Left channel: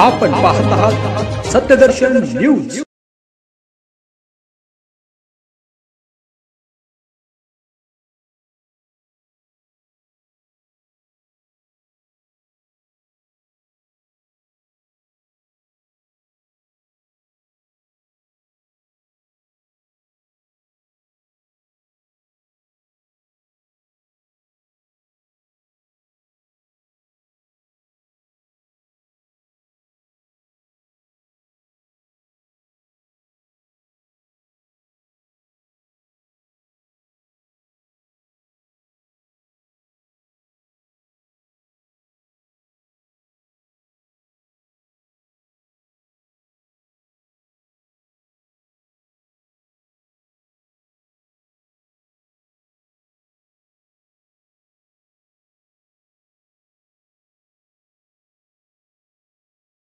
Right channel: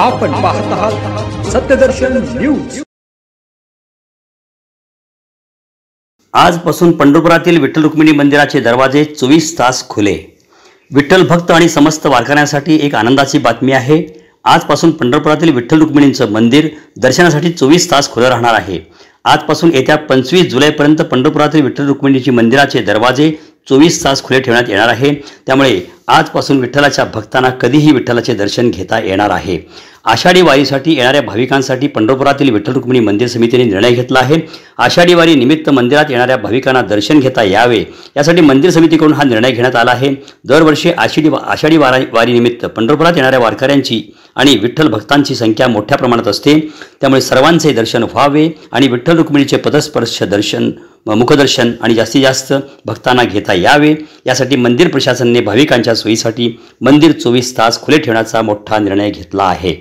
आपण पाहत आहात सत्यदर्शन न्यूज। आजपासून पंढरपुरातील विठ्ठल रुक्मिणी मंदिराचे दरवाजे 24 तास खुले। विठ्ठल भक्त आणि समस्त वारकऱ्यांसाठी एक आनंदाची बातमी आहे। आजपासून पंढरपुरातील विठ्ठल रुक्मिणींचं मंदिर दर्शनासाठी 24 तास खुलं राहणार आहे। आजपासून येत्या 25 जुलैपर्यंत पंढरपुरातील विठ्ठल रुक्मिणीची मंदिराचे दरवाजे 24 तास खुले ठेवण्यात येणार आहे। त्यामुळे आजपासून विठ्ठलाच्या भक्तांना कधीही विठ्ठलाचे दर्शन घेता येणार आहे। आषाढी वारीसाठी येणाऱ्या भाविकांसाठी पंढरपुरातील विठ्ठल रुक्मिणी मंदिर समितीने निर्णय घेतला आहे। आषाढी वारी निमित्त मंदिरात येणाऱ्या भाविकांना दर्शन घेता यावे यासाठी मंदिर समितीकडून हा निर्णय घेण्यात आला आहे। दरवर्षी आषाढी वारी निमित्त पंढरपुरात येणाऱ्या वारकऱ्यांची आणि विठ्ठल भक्तांची संख्या मोठ्या प्रमाणात असते। त्यामुळे सर्वांचे दर्शन व्हावे आणि विठ्ठल रुक्मिणीचे पदस्पर्श दर्शन मुखदर्शन आणि जास्तीत जास्त भक्तांना घेता यावे यासाठी मंदिर प्रशासनाने भाविकांच्या सोयीसाठी मंदिर 24 तास खुले ठेवण्याचा मोठा निर्णय घेतला आहे।